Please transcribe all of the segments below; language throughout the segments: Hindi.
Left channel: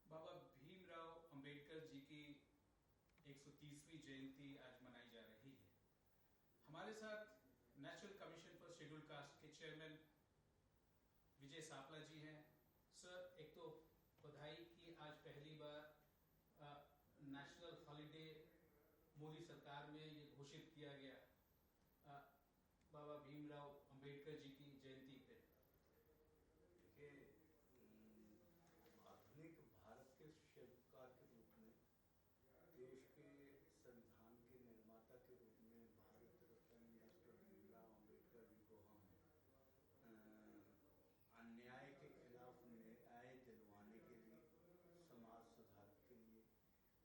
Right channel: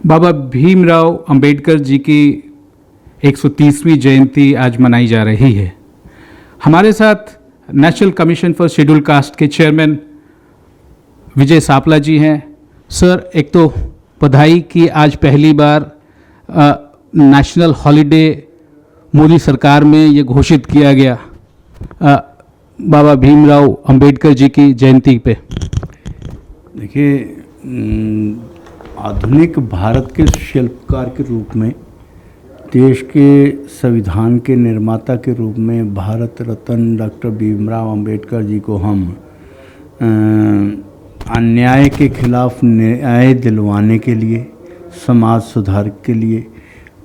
बाबा भीमराव अंबेडकर जी की 130वीं जयंती आज मनाई जा रही है। हमारे साथ national commission for schedule cast के चेयरमैन विजय सापला जी हैं। सर, एक तो बधाई कि आज पहली बार नेशनल हॉलिडे मोदी सरकार में ये घोषित किया गया बाबा भीमराव अंबेडकर जी की जयंती पे। देखिए, आधुनिक भारत के शिल्पकार के रूप में, देश के संविधान के निर्माता के रूप में भारत रत्न डॉक्टर भीमराव अंबेडकर जी को हम अन्याय के खिलाफ न्याय दिलवाने के लिए, समाज सुधार के लिए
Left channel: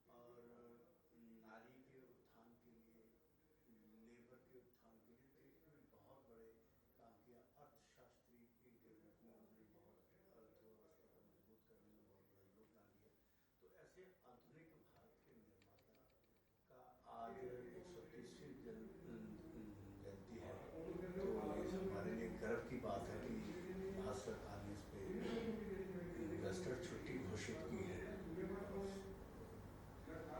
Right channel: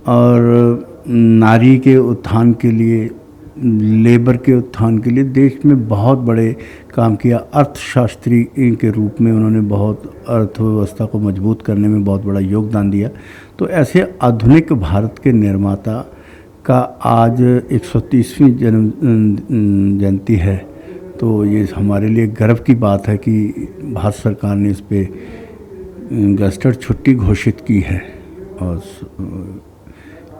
और नारी के उत्थान के लिए, लेबर के उत्थान के लिए देश में बहुत बड़े काम किया। अर्थशास्त्री के रूप में उन्होंने बहुत अर्थव्यवस्था को मजबूत करने में बहुत बड़ा योगदान दिया। तो ऐसे आधुनिक भारत के निर्माता का आज 130वीं जन्म जयंती है। तो ये हमारे लिए गर्व की बात है कि भारत सरकार ने इस पे गस्टेड छुट्टी घोषित की है। और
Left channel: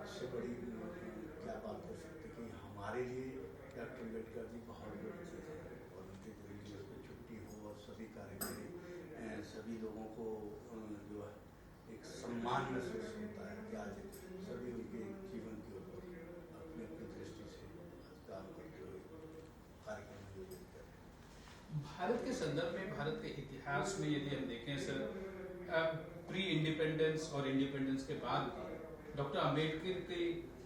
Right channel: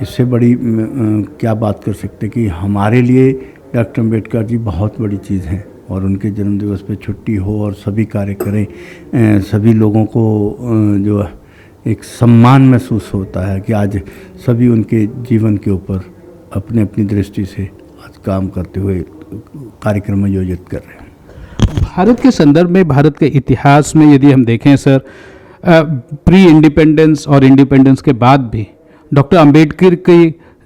इससे बड़ी क्या बात कर सकते कि हमारे लिए डॉक्टर अम्बेडकर जी बहुत बड़ी चीज़ हैं। और उनके जन्मदिवस पे छुट्टी हो और सभी कार्य करें, सभी लोगों को जो एक सम्मान महसूस होता है कि आज सभी उनके जीवन के ऊपर अपने अपनी दृष्टि से आज काम करते हुए कार्यक्रम आयोजित कर रहे हैं। भारत के संदर्भ में, भारत के इतिहास में यदि हम देखें सर, प्री इंडिपेंडेंस और इंडिपेंडेंस के बाद भी डॉक्टर अंबेडकर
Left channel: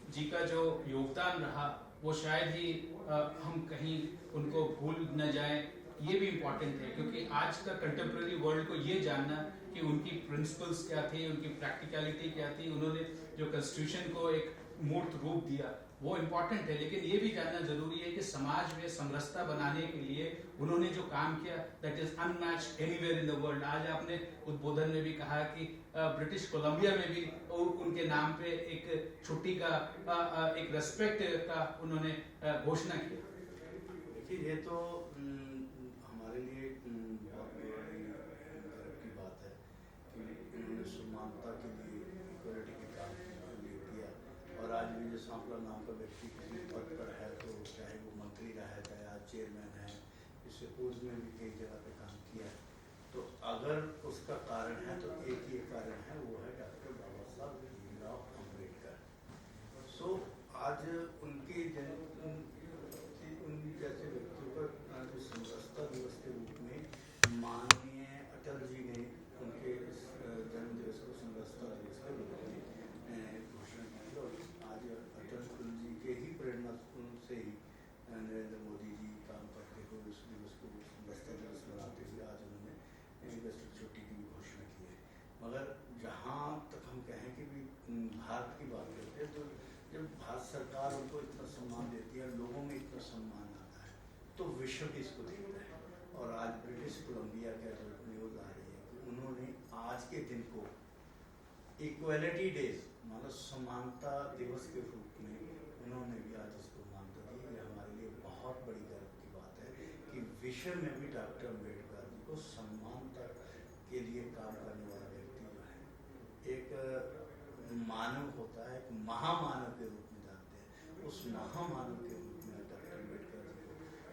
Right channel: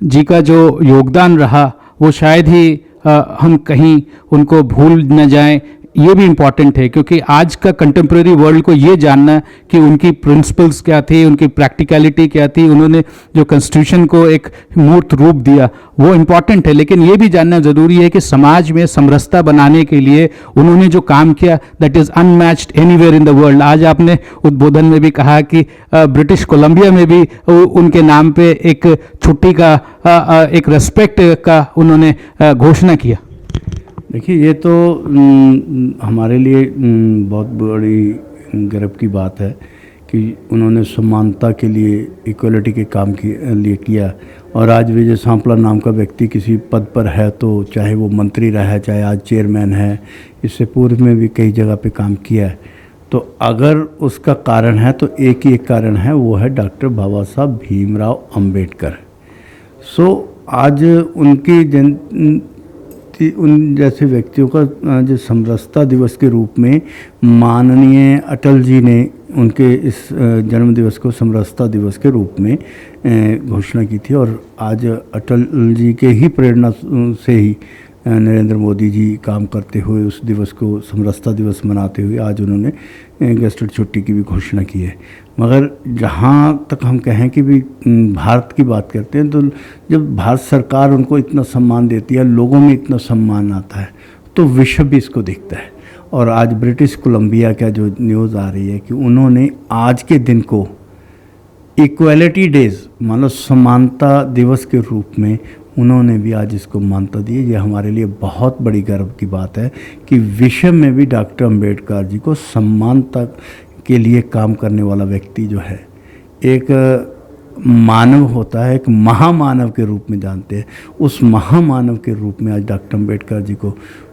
जी का जो योगदान रहा वो शायद ही हम कहीं उनको भूल न जाएं। ये भी इम्पॉर्टेंट है क्योंकि आज का कंटेम्प्रेरी वर्ल्ड को ये जानना कि उनकी प्रिंसिपल्स क्या थी, उनकी प्रैक्टिकलिटी क्या थी, उन्होंने जो कॉन्स्टिट्यूशन को एक मूर्त रूप दिया वो इम्पॉर्टेंट है। लेकिन ये भी जानना ज़रूरी है कि समाज में समरसता बनाने के लिए उन्होंने जो काम किया that is unmatched anywhere in the world. आज आपने उद्बोधन में भी कहा कि ब्रिटिश कोलंबिया में भी उनके नाम पे एक छुट्टी का एक रेस्पेक्ट का उन्होंने घोषणा किया। देखिए, ये तो हमारे लिए बहुत बड़ी गर्व की बात है कि उन्होंने समानता के लिए, इक्वलिटी के काम के लिए किया। और आज विजय सांपला नाम का व्यक्ति किसी पद पर है तो चाहे वो मंत्री रहा है, चाहे आज चेयरमैन है, इससे पूर्व में भी कई जगह पे काम किया है। तो अगर उसका कारण है तो एक ही एक कारण है, वो है डॉक्टर बाबा साहब भीमराव अंबेडकर। आज उनकी उन जैसे व्यक्तियों का जो समरसता दिवस के रूप में माननीय अटल जी ने उनके इस जन्म दिवस को समरसता दिवस के रूप में घोषणा की थी। और आज अटल जी के ही प्रेरणा से ही नरेंद्र मोदी जी काम करते हुए उस दिवस को समरसता दिवस मनाते हुए आज उन्होंने गस्टेड छुट्टी की भी घोषणा की है। मगर जहाँ तक हम कहें कि भी भारत की बात करते हैं तो जब भारत सरकार उनको इतना सम्मान देती है, लोगों में इतना सम्मान आता है, तो विश्व भी इसको देखता है। और आज ब्रिटिश कोलंबिया का जो न्यूज़ आ रही है कि उन्होंने आज के दिन को इक्वलिटी डेज, मानो समानता दिवस के रूप में उन्होंने भी आज इसको मान्यता दी है। ये हमारे लिए बहुत बड़ी गर्व की बात है कि विश्व में भी डॉक्टर अम्बेडकर जी को समानता के लिए काम करने वाला व्यक्ति जो है, एक मानव होता है, एक महामानव के रूप में जानते हैं। उस महामानव के रूप में आज डॉक्टर अम्बेडकर जी को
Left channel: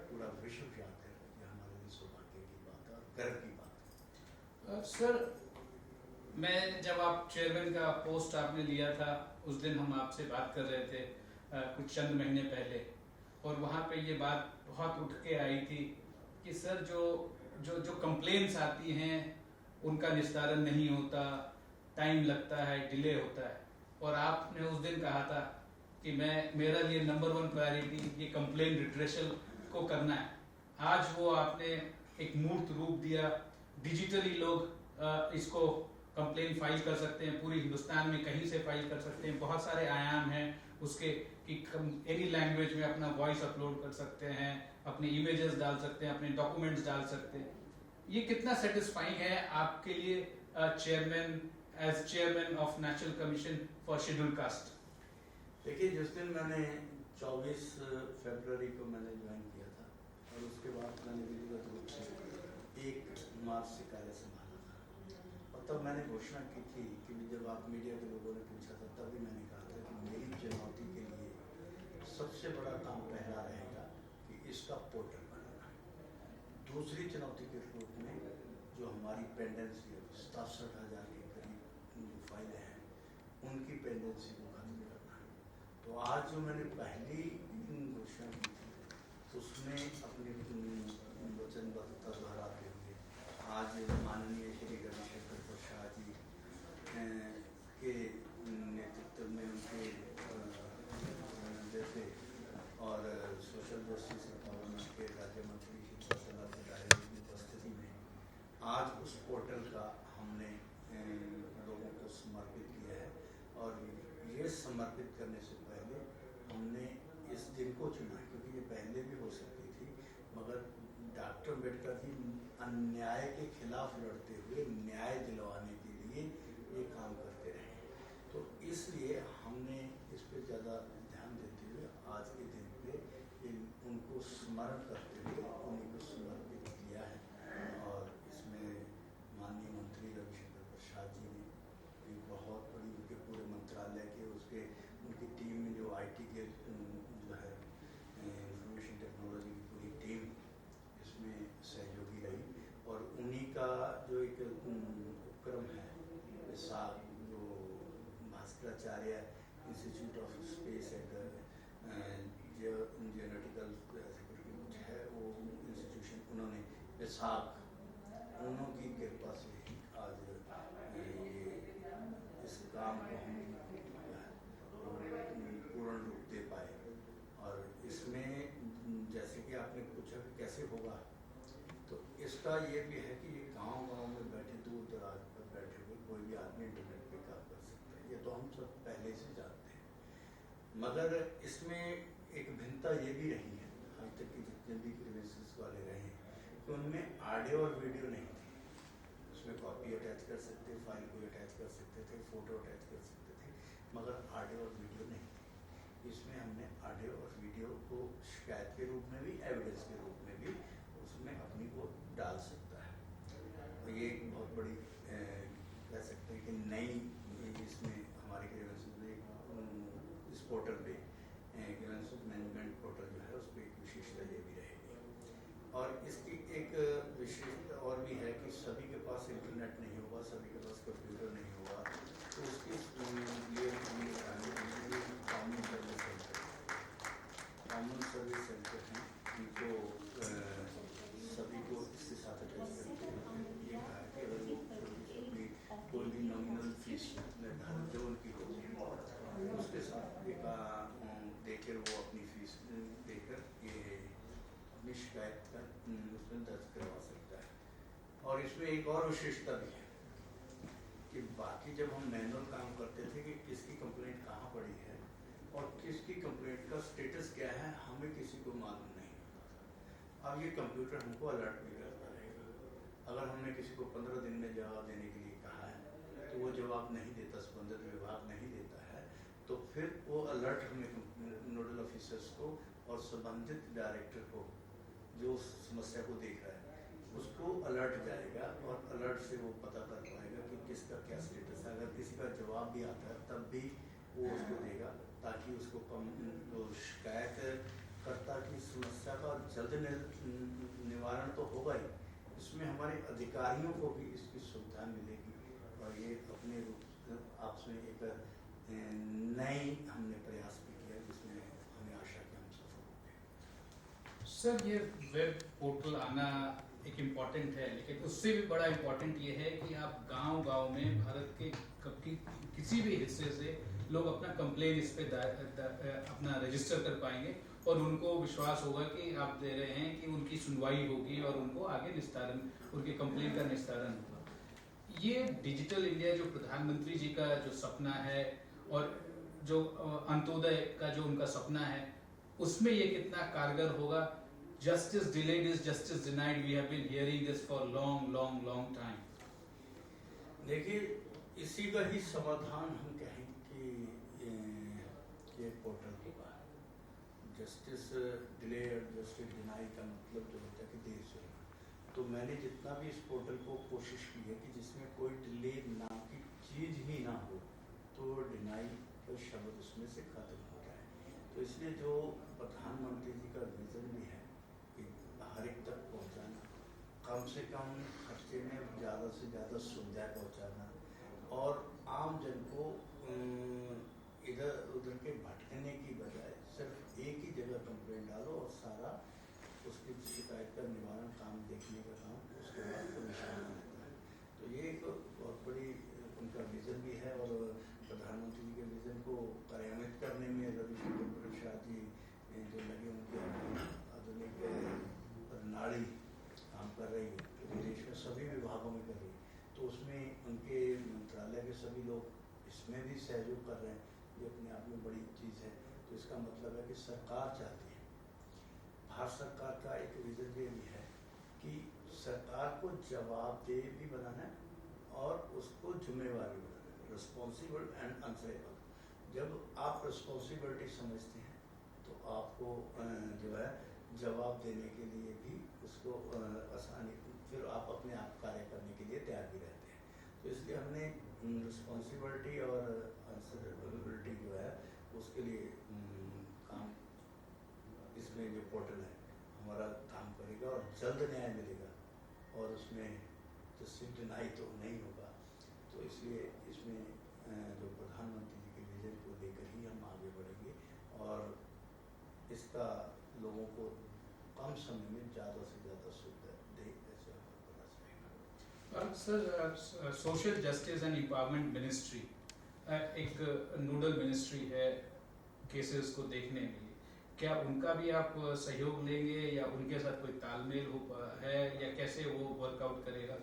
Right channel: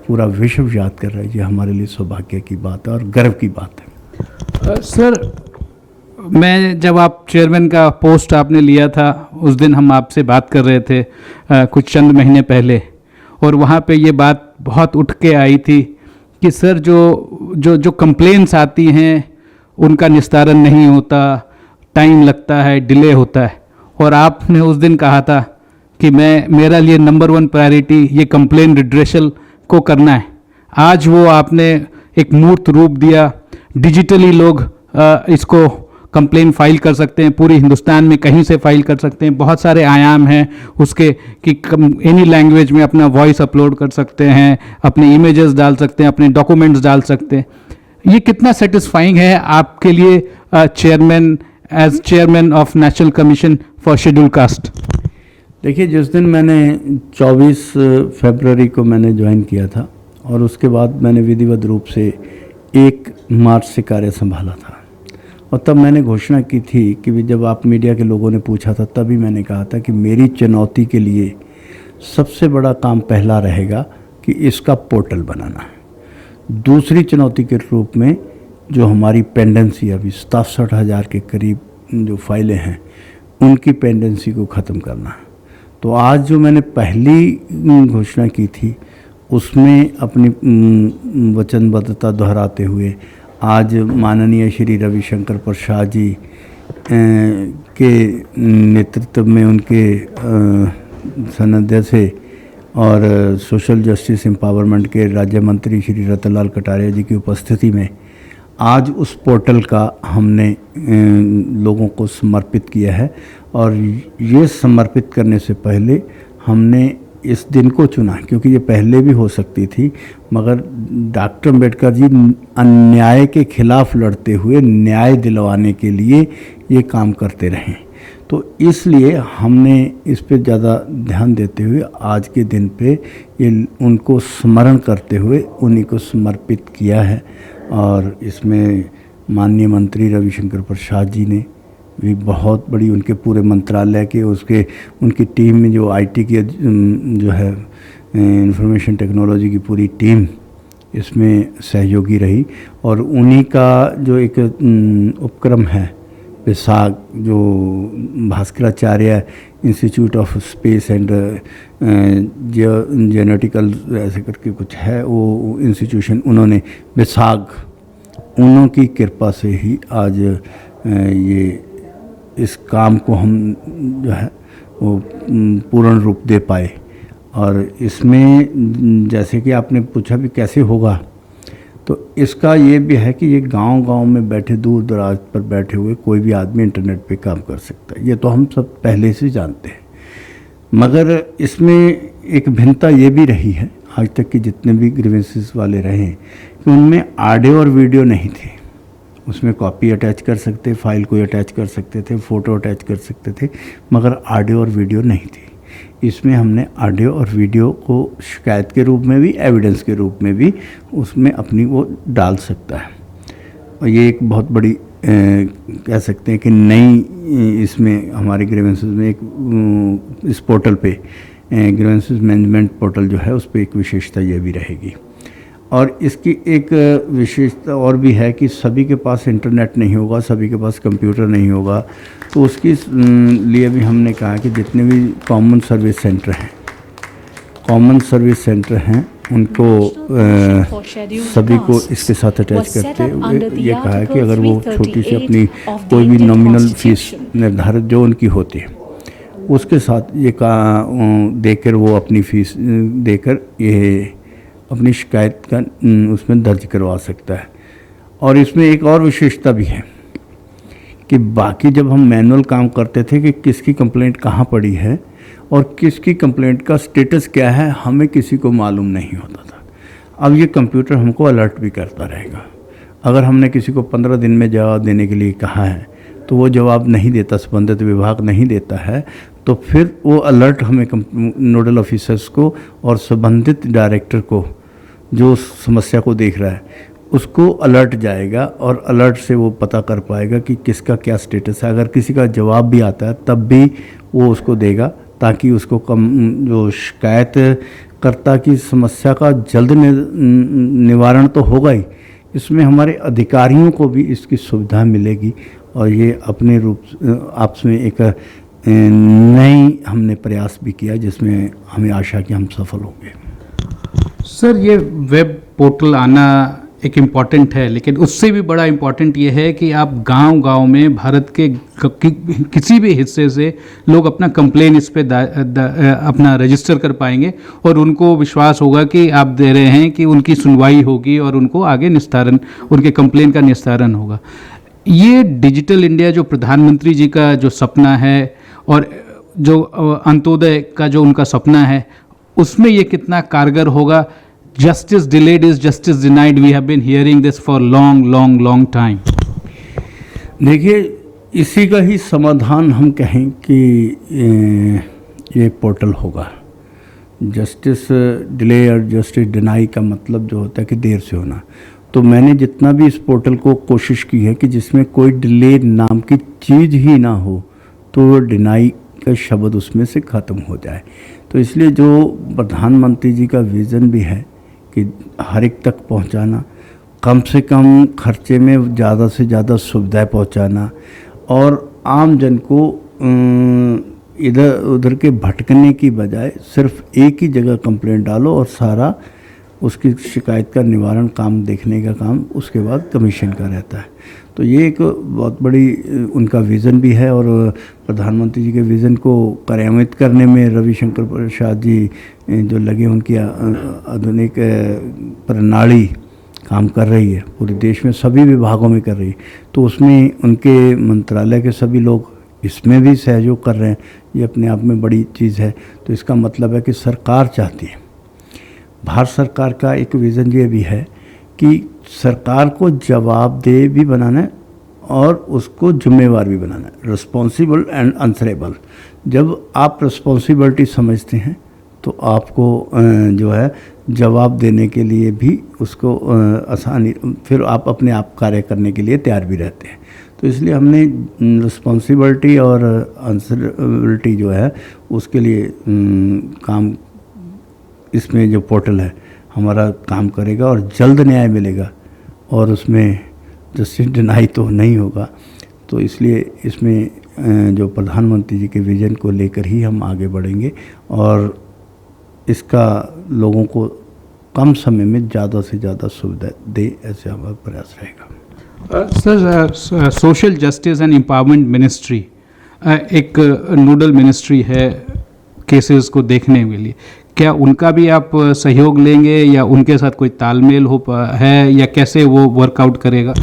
पूरा विश्व याद कर रहा है। ये हमारे लिए सौभाग्य की बात है और गर्व की बात है। सर, मैं जब आप चेयरमैन का पोस्ट आपने लिया था उस दिन हम आपसे बात कर रहे थे कुछ चंद महीने पहले, और वहाँ पे ये बात बहुत उठ के आई थी कि सर जो कंप्लेंट्स आती हैं उनका निस्तारण नहीं होता, टाइम लगता है, डिले होता है। और आपने उस दिन कहा था कि मेरा लिए नंबर 1 प्रायोरिटी ये कंप्लेन रिड्रेशल को करना है। आज वो आपने एक मूर्त रूप दिया। डिजिटली लोग इसको कंप्लेन फाइल कर सकते हैं, पूरी हिंदुस्तान में कहीं से फाइल कर सकते हैं। बहुत सारे आयाम हैं उसके कि एनी लैंग्वेज में अपना वॉइस अपलोड कर सकते हैं, अपने इमेजेस डाल सकते हैं, अपने डॉक्यूमेंट्स डाल सकते हैं। ये कितना सेटिस्फाइंग है आपके लिए chairman, as chairman of national commission for schedule caste? देखिए, जिस दिन मैंने 24 फरवरी को मैंने ज्वाइन किया था और उसके बाद मैंने विधिवत रूप से 1 मार्च से कार्य संभाला था। और तब मैंने घोषणा की थी कि जब आप मीडिया के लोगों ने पूछा था तभी मैंने कहा था कि मेरी चुनौती के लिए सबसे बड़ा काम पहला रहेगा कि इसका पोर्टल बनाना है। दूसरी चुनौती के रूप में जो हमारी पेंडेंसी अभी 67,000 के करीब जो फाइलें हैं उनकी पेंडेंसी को ख़त्म करना है। तो आज जो मैंने पहली घोषणा की थी उसमें अपनी वचनबद्धता दोहराते हुए आज माननीय श्री रविशंकर प्रसाद जी के नेतृत्व में उनके सानिध्य से और सोशल जस्टिस एम्पावरमेंट के राज्य मंत्री श्री रतनलाल कटारिया जी की उपस्थिति में आज उस पोर्टल का हमने लोगों को समर्पित किया है। और ये समर्पित करने से पहले हमने इस दिन को चुना क्योंकि ये पहले भी हो सकती थी, मगर डॉक्टर अम्बेडकर जी अन्याय के खिलाफ लड़ते हुए न्याय दिलवाने के लिए ये काम करते रहे। तो इसलिए हमने इस पे ज़्यादा ध्यान देते हुए आज के दिन पे ये उनको स्मरण करते हुए उन्हीं को समर्पित किया है। और इसमें माननीय मंत्री रविशंकर प्रसाद जी ने भी बहुत बड़ी उनके पूरे मंत्रालय के उनकी टीम में जो आईटी की जो है इंफॉर्मेशन टेक्नोलॉजी की पूरी टीम इसमें सहयोगी रही। और उन्हीं का जो एक उपक्रम है विसाग जो Bhaskaracharya institute of space and genetical ऐसे करके कुछ है वो इंस्टीट्यूशन, उन्होंने विसाग उन्हों की कृपा से ही आज ये इस काम को हम जो है वो पूर्ण रूप दे पाए। और इसमें जैसे कि आपने पूछा भी कैसे होगा, तो इसका ये भी है कि ये गांव-गांव में बैठे दूर दराज पर बैठे हुए कोई भी आदमी इंटरनेट पे काम कर सकता है, ये तो हम सब पहले से जानते हैं। मगर इसमें एक भिन्नता ये भी रही है आज तक के जितने भी ग्रीवेंसेस वाले रहे कि उनमें ऑडियो और वीडियो नहीं थे। उसमें कॉपी अटैच कर सकते, फाइल को अटैच कर सकते थे, फ़ोटो अटैच कर सकते थे, मगर ऑडियो और वीडियो नहीं थी। इसमें हमने ऑडियो और वीडियो को शिकायत के रूप में भी एविडेंस के रूप में भी उसमें अपनी वो डाल सकता है। और ये एक बहुत बड़ी कह सकते हैं कि नई इसमें हमारे ग्रीवेंसेस में एक इस पोर्टल पे ग्रीवेंसेस मैनेजमेंट पोर्टल जो है उस पर एक विशेषता ये भी रहेगी। और इसकी एक विशेषता और भी है कि सभी के पास इंटरनेट नहीं होगा, सभी के पास कंप्यूटर नहीं होगा, तो उसकी लिए भी हमने कहा कि जितने भी कॉमन सर्विस सेंटर हैं उनको सभी को इसके साथ अटैच करते हुए ये कहा है कि अगर वो छोटी सी अपनी कोई भी नॉमिनल फीस निर्धारित जो उनकी होती है उसके साथ ये देकर वो अपनी फीस देकर ये अपनी शिकायत का उसमें दर्ज करवा सकता है। और इसमें एक और विशेषता भी है कि बाकी जब हम मैनुअल काम करते थे कि किसकी कंप्लेंट कहाँ पड़ी है और किसकी कंप्लेंट का स्टेटस क्या है हमें किसी को मालूम नहीं होता था। अब ये कंप्यूटर हमको अलर्ट भी करता रहेगा। अगर हमने किसी को 15 दिन में जवाब देने के लिए कहा है तो वो जवाब नहीं देता, संबंधित विभाग नहीं देता है, तो फिर वो अलर्ट हमें नोडल ऑफिसर्स को और संबंधित डायरेक्टर को जो समस्या को देख रहा है उसको अलर्ट जाएगा और अलर्ट से वो पता कर पाएगा कि किसका क्या स्टेटस है। अगर किसी का जवाब भी आता है तब भी वो उसको देगा ताकि उसको जो शिकायत कर्ता की समस्या का जल्द निवारण तो होगा ही, इसमें हमारे अधिकारियों को भी इसकी सुविधा मिलेगी। और ये अपने रूप आपस में एक नई हमने प्रयास भी किया जिसमें हमें आशा कि हम सफल होंगे। सर, ये वेब पोर्टल आना एक इम्पॉर्टेंट है, लेकिन उससे भी बड़ा इम्पॉर्टेंट ये है कि आप गांव-गांव में भारत के किसी भी हिस्से से लोग अपना कंप्लेन इस पे अपना रजिस्टर कर पाएंगे और उनको विश्वास होगा कि आप दे रहे हैं कि उनकी सुनवाई होगी और उनको आगे निस्तारण, उनके कंप्लेन का निस्तारण होगा। ये डिजिटल इंडिया जो प्रधानमंत्री जी का जो सपना है और जो अंत्योदय का जो उनका सपना है उसमें ये कितना कारगर होगा? Justice delayed is justice denied. We have been hearing this for long time. देखिए, इसी का ही समाधान हम कहें कि ये पोर्टल होगा। जस्टिस डिले और जस्टिस डिनाई का मतलब जो होता है कि देर से होना, तो मैंने जितना भी इस पोर्टल को कोशिश की है कि जिसमें कोई डिले नाम की चीज़ ही ना हो, तो डिनाई का शब्द उसमें से ख़त्म हो जाए। तो इसलिए जो प्रधानमंत्री जी का विज़न भी है कि हर एक तक पहुंचाना, कम से कम खर्चे में ज़्यादा से ज़्यादा सुविधाएं पहुंचाना, और आम जन को इधर उधर के भटकने की बजाय सिर्फ एक ही जगह कंप्लेंट डालो और सारा उसकी शिकायत का निवारण काम देखने का काम उसके बाद कमीशन का रहता है। तो ये एक बहुत बड़ी उनका विज़न भी है, और प्रधानमंत्री जी के विज़न को कार्यान्वित करने में रविशंकर प्रसाद जी जो लगे, उनकी आधुनिक प्रणाली काम कर रही है, पूरे देश में सभी विभागों में कर रही है। तो उसमें उनके मंत्रालय के सभी लोग इसमें भी सहयोग कर रहे हैं। ये अपने आप में बड़ी चीज़ है। तो इसका मतलब है कि सरकार चाहती है, भारत सरकार का एक विज़न ये भी है कि सरकार को जवाबदेह भी बनाना है और उसको जिम्मेवार भी बनाना है, रिस्पॉन्सिबल एंड आंसरेबल। जब आप रिस्पॉन्सिबिलिटी समझते हैं तो आपको जो है जवाब देने के लिए भी उसको आसानी, फिर आप अपने आप कार्य करने के लिए तैयार भी रहते हैं। तो इसलिए हमने रिस्पॉन्सिबिलिटी और आंसरेबिलिटी जो है उसके लिए काम, इसमें जो पोर्टल है हमारा काम करेगा और जल्द न्याय मिलेगा, और उसमें जस्टिस डिनाई तो नहीं होगा। तो इसलिए इसमें जो प्रधानमंत्री जी के विज़न को लेकर ही हम आगे बढ़ेंगे, और इसका लोगों को कम समय में ज़्यादा से ज़्यादा सुविधा दे, ऐसे हमारा प्रयास रहेगा। Sir, social justice and empowerment ministry एक नोडल मिनिस्ट्री है केसेस को देखने के लिए, क्या उनका भी आप सहयोग लेंगे या उनके साथ कोई तालमेल है, या कैसे वो वर्कआउट करेगा?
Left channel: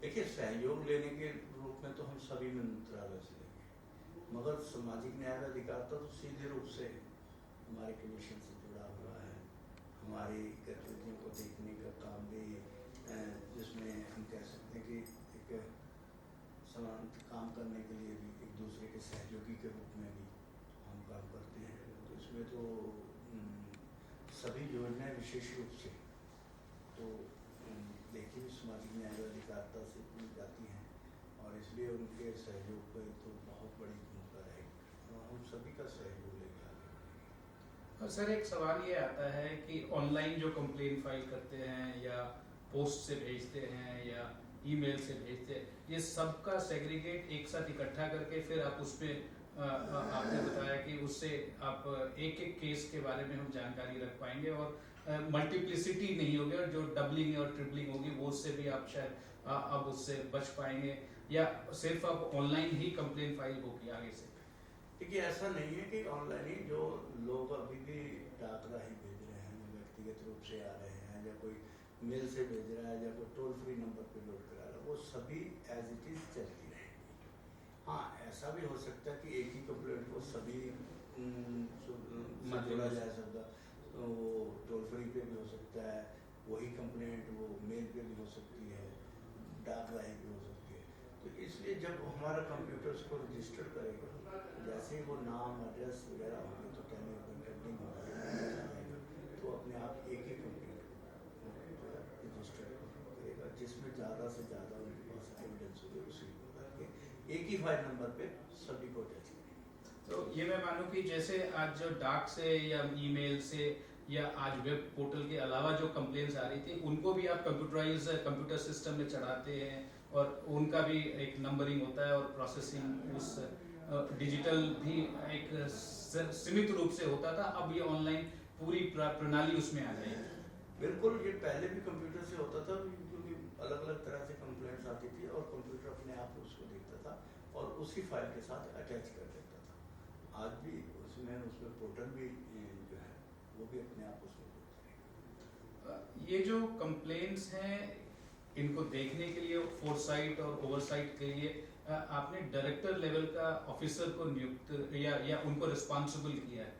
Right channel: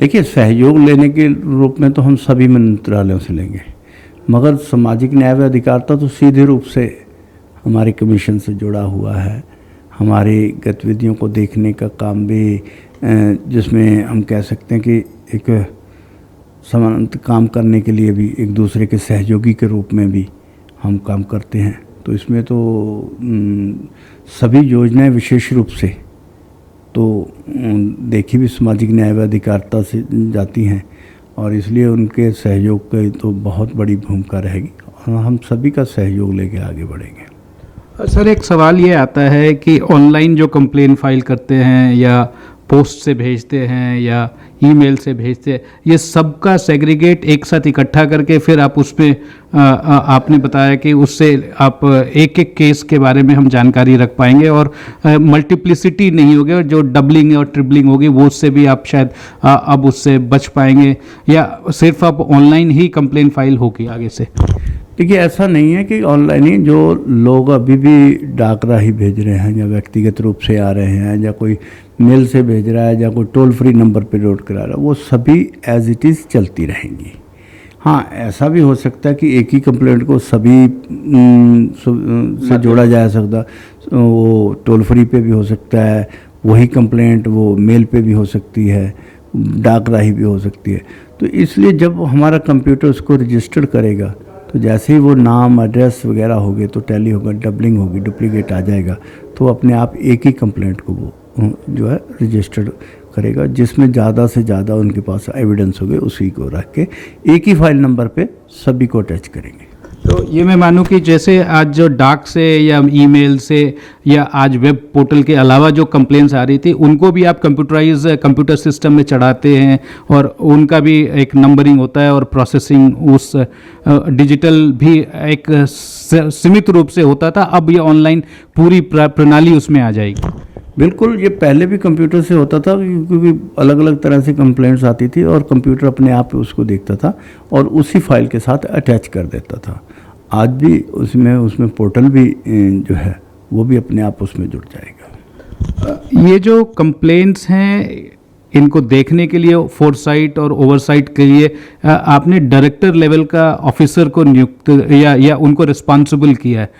देखिए, सहयोग लेने के रूप में तो हम सभी मंत्रालयों से लेंगे, मगर सामाजिक न्याय व अधिकारिता तो सीधे रूप से हमारे कमीशन से जुड़ा हुआ है। हमारी गतिविधियों को देखने का काम भी, जिसमें हम कह सकते हैं कि एक समानांतर काम करने के लिए भी एक दूसरे के सहयोगी के रूप में भी हम काम करते हैं। तो इसमें तो सभी योजनाएं विशेष रूप से तो देखी भी सामाजिक न्याय व अधिकारिता से जाती हैं, और इसलिए उनके सहयोग की तो बहुत बड़ी भूमिका रहेगी, और हम सभी का सहयोग लेके आगे बढ़ेंगे। सर, एक सवाल ये आता है कि ऑनलाइन जो कंप्लेन फाइल करते हैं या पोस्ट से भेजते हैं या ईमेल से भेजते हैं, ये सबका सेग्रीगेट एक साथ इकट्ठा करके फिर आप उसमें आपने बताया कि उससे आप एक एक केस के बारे में हम जानकारी रख पाएंगे और मल्टीप्लिसिटी नहीं होगी, और जो डबलिंग और ट्रिपलिंग होगी वो उससे भी आप शायद अब उससे बच पाएंगे, या सिर्फ अब ऑनलाइन ही कंप्लेन फाइल होगी आगे से? देखिए, ऐसा नहीं है कि ऑनलाइन ही, जो लोग अभी भी डाक राही भेज रहे हैं या व्यक्तिगत रूप से आ रहे हैं या कोई मेल से भेज रहा है या कोई टोल फ्री नंबर पे नोट करा रहा है, वो सभी एज इट इज़ चलती रहेंगी। हाँ, ऐसा भी हो सकता है कि एक ही कंप्लेंट को सभी से जोड़ा जा सकता, वो टोल फ्री पे भी हो सकता है, वही कंप्लेंट वो मेल पे भी हो सकती है, डाक राही भी हो सकती है। तो इसलिए जब हमारा कंप्यूटर उसको रजिस्टर करेगा तो जैसे ही वो नाम एड्रेस वगैरह होंगे तो टैली होगा, डबलिंग होगी, डुप्लीकेट आ जाएगा, तो अपने आप एक ही कंप्लेंट को वो जो है रजिस्टर्ड करेगा, जिसमें ज़्यादा से ज़्यादा उनके पास एविडेंस होंगे, उसी को रख के एक ही फाइल नंबर पे सभी को अटैच करेंगे। तो ये मैं मानूं कि जैसे आज जो डाक से या ईमेल से या आज वेब पोर्टल के अलावा जो कंप्लेंट्स आ रही थी, उनको भी आप कंप्यूटर सिस्टम में चढ़ाते हैं और उनका भी एक नंबरिंग होता है और प्रोसेसिंग उस डिजिटल भी एक सीमित रूप से होता था, अब ये ऑनलाइन पूरी प्रणाली उसमें आ जाएगी? बिल्कुल, ये पहले भी कंप्यूटर से होता था, क्योंकि अलग अलग तरह से कंप्लेंट्स आती थी और कंप्यूटर अपने आप उसको देखता था और उसी फाइल के साथ अटैच कर देता था। आज भी उसमें पोर्टल भी जो है वो भी अपने आप उसमें जुड़ जाएगा। ये जो कंप्लेंट्स हैं, इनको देखने के लिए फोरसाइट और ओवरसाइट के लिए आपने डायरेक्टर लेवल का ऑफिसर को नियुक्त या उनको रिस्पॉन्सिबल किया है,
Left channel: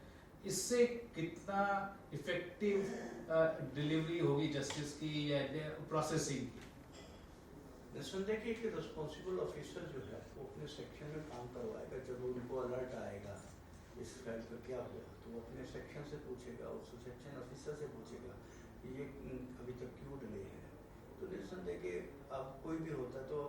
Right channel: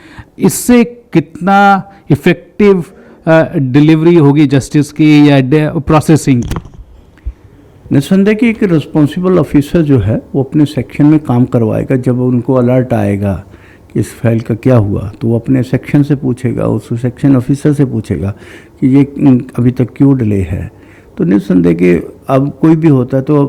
इससे कितना इफेक्टिव डिलीवरी होगी जस्टिस की या प्रोसेसिंग की? निस्संदेह कि एक रिस्पॉन्सिबल ऑफिसर जो है वो अपने सेक्शन में काम करवाएगा। जब उनको अलर्ट आएगा कि इस फाइल का क्या हुआ, तो वो अपने सेक्शन से पूछेगा, उस सेक्शन ऑफिसर से पूछेगा कि ये अभी तक क्यों डिले है। तो निस्संदेह कि अब कोई भी होता है तो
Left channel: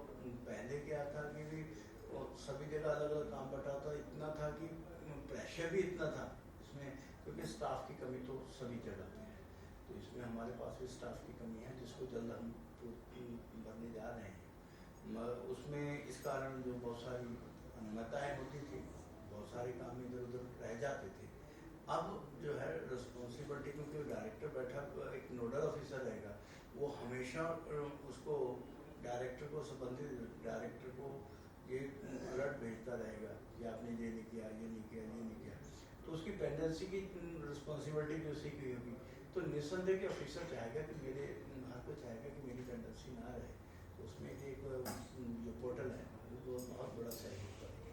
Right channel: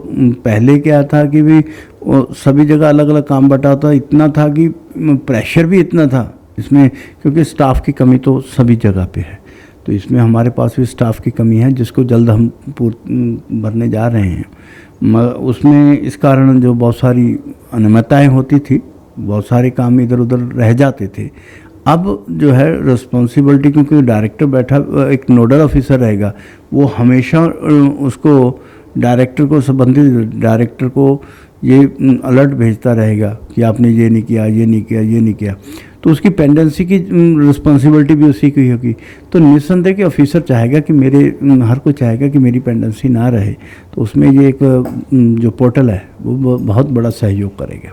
पहले क्या था कि भी सभी जगह अलग अलग काम बटा होता, इतना था कि प्रेशर भी इतना था इसमें, क्योंकि स्टाफ की कमी तो सभी जगह पे है। तो इसमें हमारे पास भी स्टाफ की कमी है जिसको जल्द हम भरने जा रहे हैं। उसमें इस कारण जो बहुत सारी अनियमितताएँ होती थी, बहुत सारे काम इधर उधर रह जाते थे। अब जो है रिस्पॉन्सिबिलिटी, क्योंकि डायरेक्टर बैठा एक नोडल ऑफिसर रहेगा, वो हमेशा उसको डायरेक्टर को, संबंधित डायरेक्टर को ये अलर्ट भेजता रहेगा कि आपने ये नहीं किया, ये नहीं किया, ये नहीं किया। तो उसकी पेंडेंसी की रिस्पॉन्सिबिलिटी भी उसी की होगी। तो निस्संदेह कि ऑफिसर चाहेगा कि हर कोई चाहेगा कि मेरी पेंडेंसी ना रहे। तो उसमें ये एक जो पोर्टल है वो बहुत बड़ा सहयोग करेगा।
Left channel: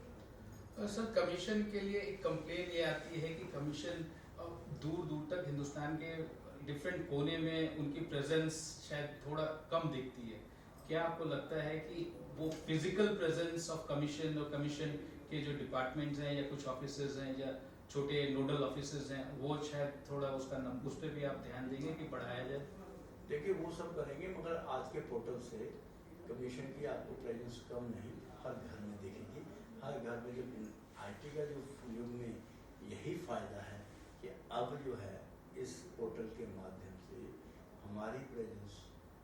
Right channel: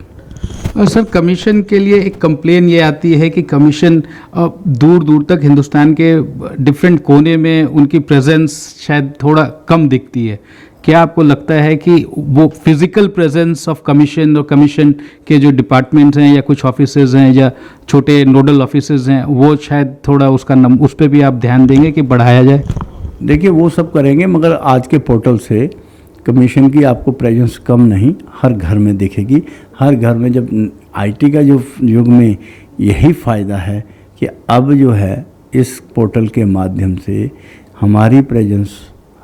और सर, कमीशन के लिए एक कंप्लेन ये आती है कि कमीशन दूर दूर तक हिंदुस्तान के डिफरेंट कोने में उनकी प्रेजेंस शायद थोड़ा कम दिखती है। क्या आपको लगता है कि वो फिजिकल प्रेजेंस ऑफ कमीशन और कमीशन के जो डिपार्टमेंट्स हैं या कुछ ऑफिसेज हैं या छोटे नोडल ऑफिसेज हैं, वो शायद थोड़ा उस पर भी आप ध्यान देंगे कि बढ़ाया जाए? देखिए, वो सब करेंगे, मगर आज के पोर्टल से कमीशन की आपको प्रेजेंस कम नहीं, हर घर में दिखेगी। हर घर में, जब आईटी का जो युग में यही फ़ायदा है कि अब जो है इस पोर्टल के माध्यम से हमारी प्रेजेंस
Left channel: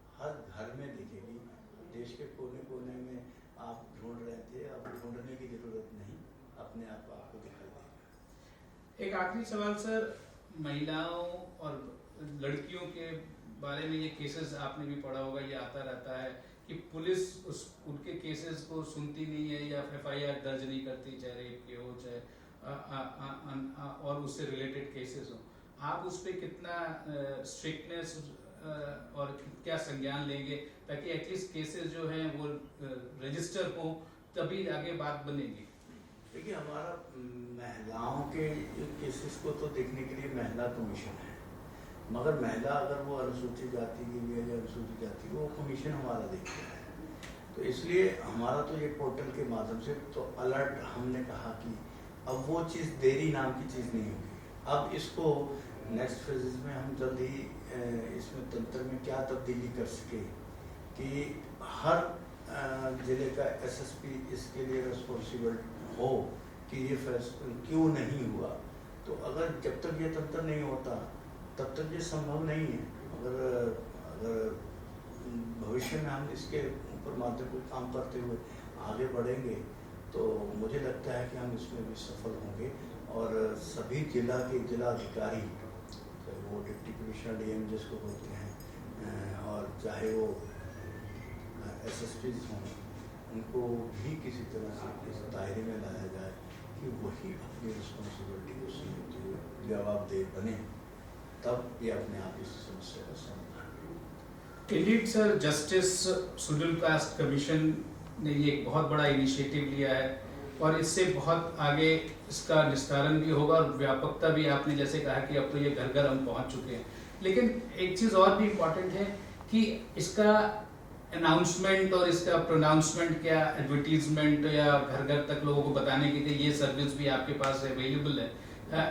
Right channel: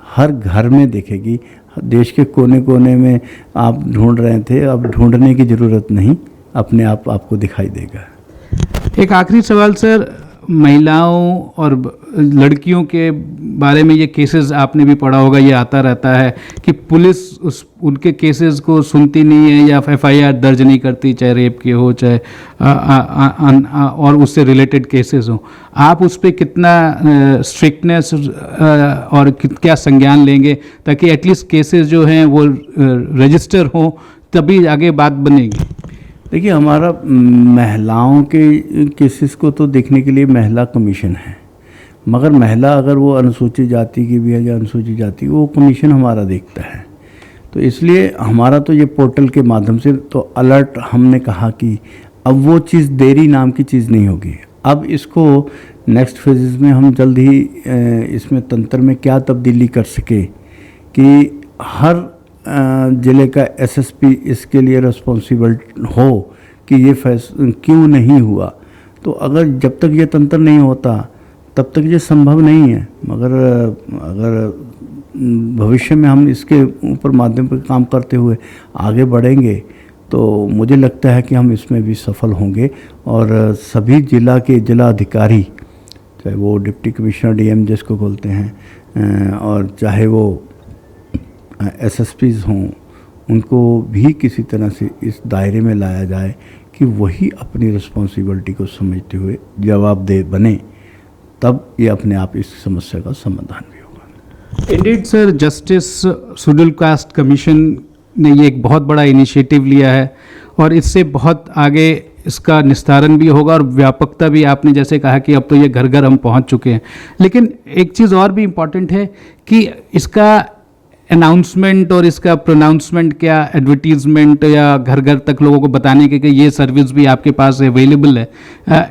हर घर में दिखेगी। देश के कोने कोने में आप ढूंढ रहे थे, अब ढूंढने की ज़रूरत नहीं, अपने आप आपको दिखाई देगा। एक आखिरी सवाल सर, महिलाओं और लड़कियों के बारे में ये केसेस आपने भी पढ़ा होगा, ये आता रहता है कि पुलिस उनके केसेस को सुनती नहीं है या एफआईआर दर्ज नहीं करती, चाहे रेप के हो चाहे और उससे रिलेटेड केसेस हो। आप उस पर कितना स्ट्रिक्टनेस और क्या संज्ञान लेंगे ताकि एटलीस्ट केसेस जो हैं वो रजिस्टर हों, तभी आगे बात बनेगी? देखिए, हमारा महिलाओं के केसेस को तो देखने के लिए महिला कमीशन है, मगर महिला अगर वो अनुसूचित जाति की भी है या अनुसूचित जाति, वो कमीशन हमारा देखता है। तो इसलिए हमारा तो ये पोर्टल के माध्यम से तो अलर्ट, हमने कहा कि अब वो चीज़ देरी नाम की चीज़ नहीं होगी। अब इसको नेक्स्ट फेजेस में हम जल्द ही इसमें तंत्र में क्या तब्दीली कर सके कि हर ज़िले का एसएसपी इसके लिए रिस्पॉन्सिबल हो कि ये क्यों नहीं हुआ। तो अगर जब तक ये तंत्र नहीं होता तब तक ये संभव नहीं है, मगर अगर भविष्य में हम इसके ऊपर माध्यम पर काम करते हुए आगे बढ़ेंगे तो मुझे लगता है कि हम इसमें भी सफल होंगे। और सभी जिला के जिला अधिकारी, चाहे वो डिप्टी कमिश्नर डीएम जिसको बोलते हैं, और चाहे वो एसएसपीज़ हों, उनको भी किसी तरह से इस दायरे में लाया जाए कि वही अपनी रिस्पॉन्सिबिलिटी को समझते हुए जवाबदेह बने, तब ये अपने आप इस समस्या का समाधान भी होगा। Indeed sir, justice schedule caste commission ने ये एक बहुत बड़ा इनिशिएटिव लिया है और इससे बहुत आगे इसका निस्तारण भी होगा और व्यापकता भी। आपने जैसे कहा कि अब तो ये घर घर हम पहुंच चुके हैं, लेकिन एक चीज़ और भी इम्पॉर्टेंट है कि इसका अनाउंसमेंट और इसका प्रोनाउंसमेंट, क्या एडवर्टीजमेंट या घर घर तक लोगों को बताने के कि ये सर्विस भी आपके पास अवेलेबल है,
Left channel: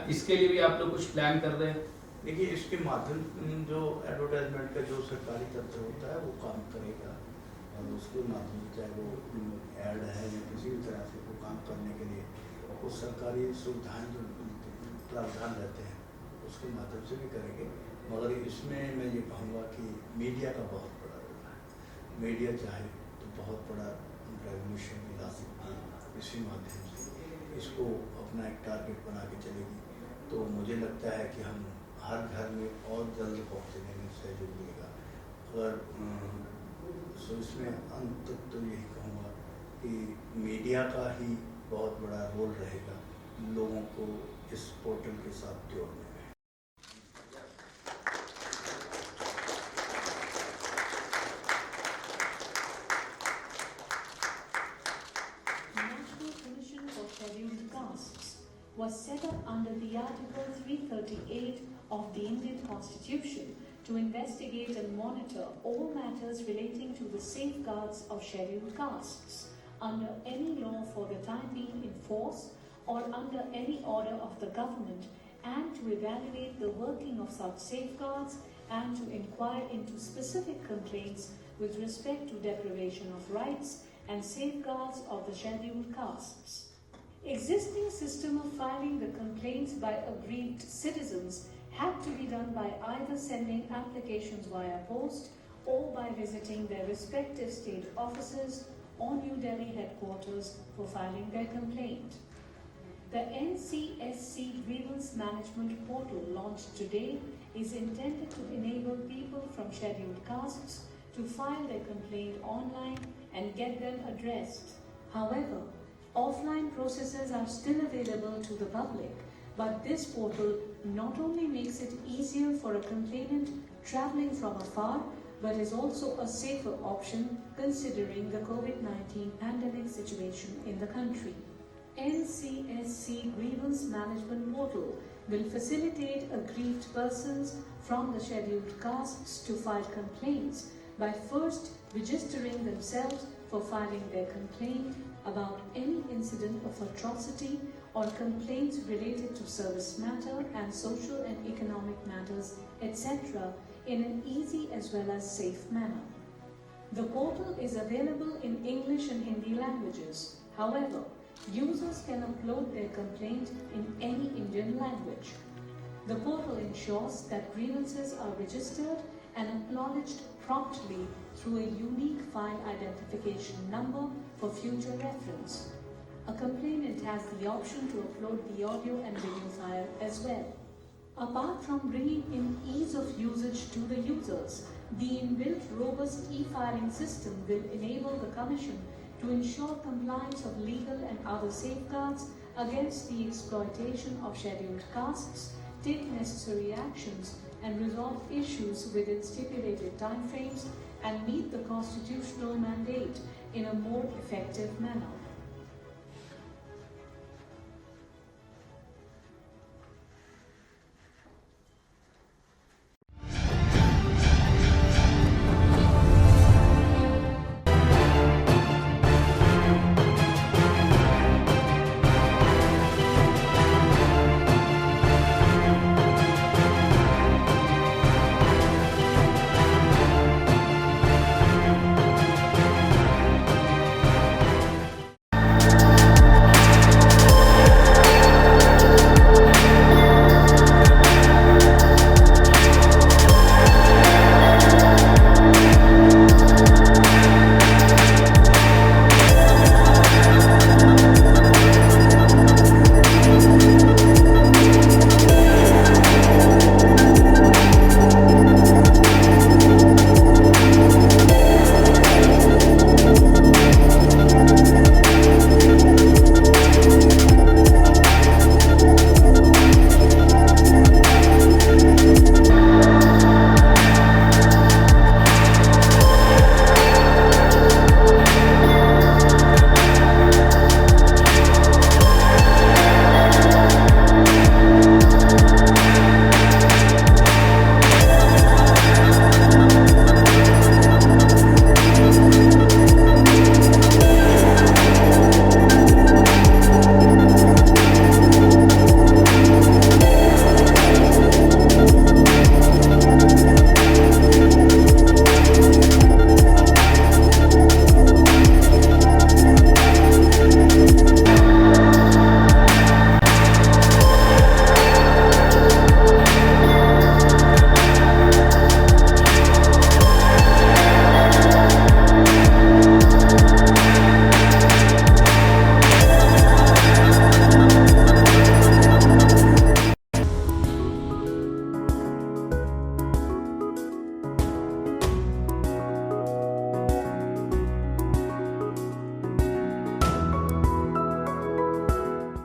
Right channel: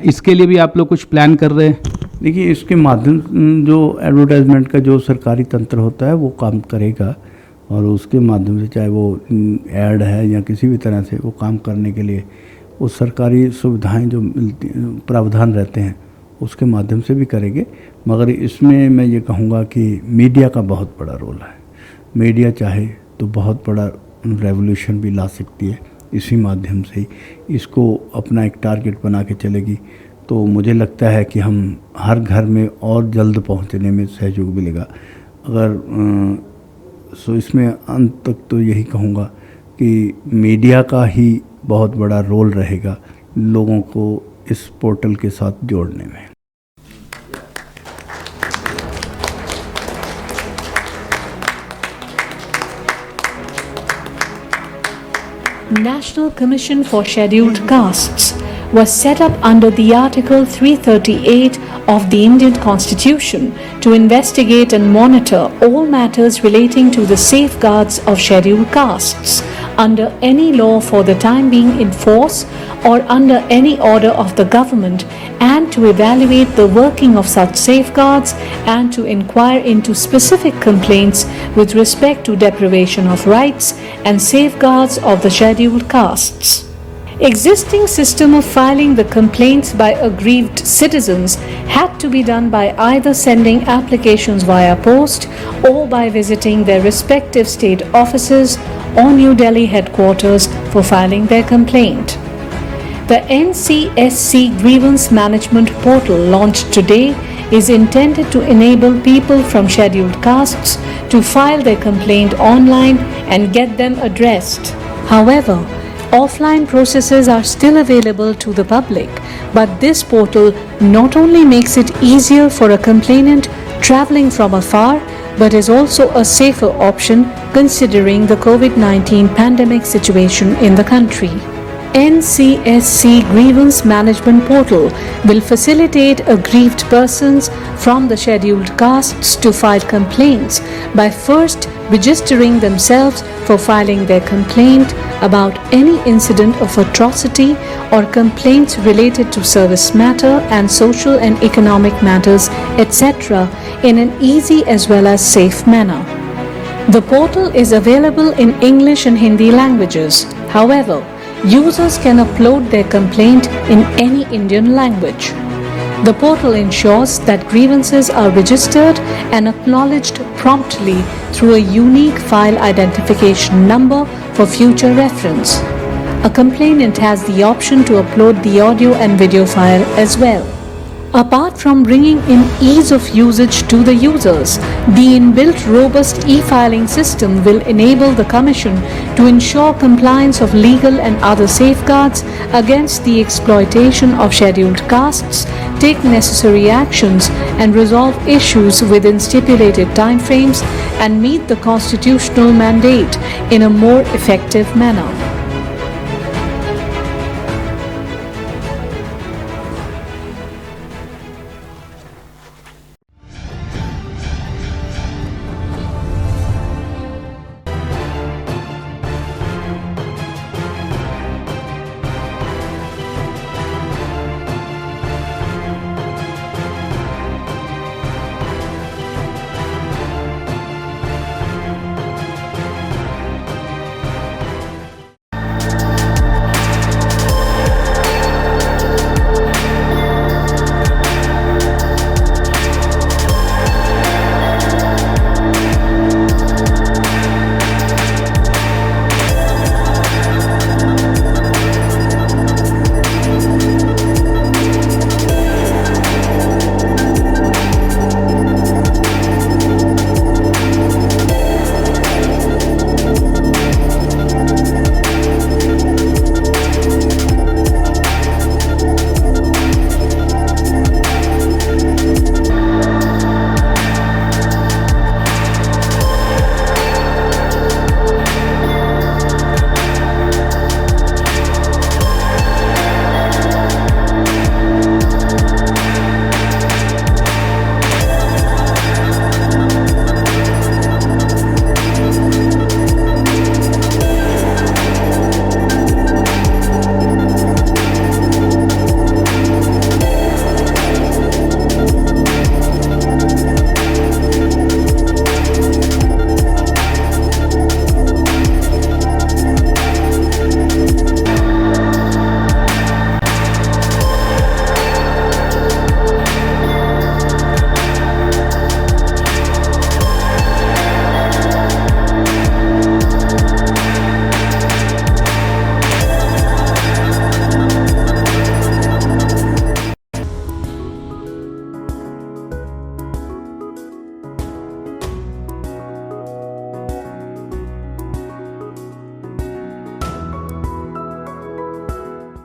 इसके लिए भी आप लोग कुछ प्लान कर रहे हैं? देखिए, इसके माध्यम जो एडवर्टाइजमेंट का जो सरकारी तंत्र होता है वो काम करेगा, और उसके माध्यम से चाहे वो ऐड है या किसी भी तरह से वो काम करने के लिए वो सरकारी सुविधाएं जो मिलती, प्रावधान रहते हैं, उसके माध्यम से भी करेंगे। मगर इसमें मैं ये कहूँगा कि मीडिया का बहुत बड़ा रोल है। मीडिया चाहे तो बहुत बड़ा रेवोल्यूशन भी ला सकती है, इसी माध्यम से इसको अपना एक टारगेट बना के चलेगी। तो मुझे लगता है कि हम हर घर में और जल्द पहुंचने में सहयोग मिलेगा। अगर सो इसमें अंत तक तो यही कहूँगा कि मीडिया का ही बहुत बड़ा रोल रहेगा लोगों को इस पोर्टल के साथ जोड़ने में। National Commission for Scheduled Castes was set up under the Article 338 of the Indian Constitution to investigate and monitor all matters relating to the safeguards of scheduled castes under any law for the time being in force or under any order of the government, and to evaluate the working of such safeguards and to inquire into specific complaints with respect to deprivation of rights and safeguards of the scheduled castes. Existing system of filing the complaints by aggrieved citizens had to be done by either sending applications via post or by visiting their respective state offices or New Delhi headquarters for filing their complaint. The NCSC Grievance Management Portal launched today is intended to enable people from scheduled castes to file their complaint online and get them addressed. However, offline processes are still available to the public, but this portal not only makes it easier for a complainant traveling from afar, but is also a safer option considering the COVID-19 pandemic situation in the country. NCSC Grievance Management Portal will facilitate aggrieved persons from the scheduled castes to file complaints by first registering themselves for filing their complaint about any incident of atrocity or complaints related to service matter and social and economic matters, etc., in an easy as well as safe manner. The portal is available in English and Hindi languages. However, users can upload their complaint in any Indian language. The portal ensures that grievances are registered and acknowledged promptly through a unique file identification number for future reference. A complainant has the option to upload the audio and video file as well. Apart from bringing in ease of usage to the users, the inbuilt robust e-filing system will enable the Commission to ensure compliance of legal and other safeguards against the exploitation of scheduled castes, take necessary actions and resolve issues within stipulated timeframes, and meet the constitutional mandate in a more effective manner.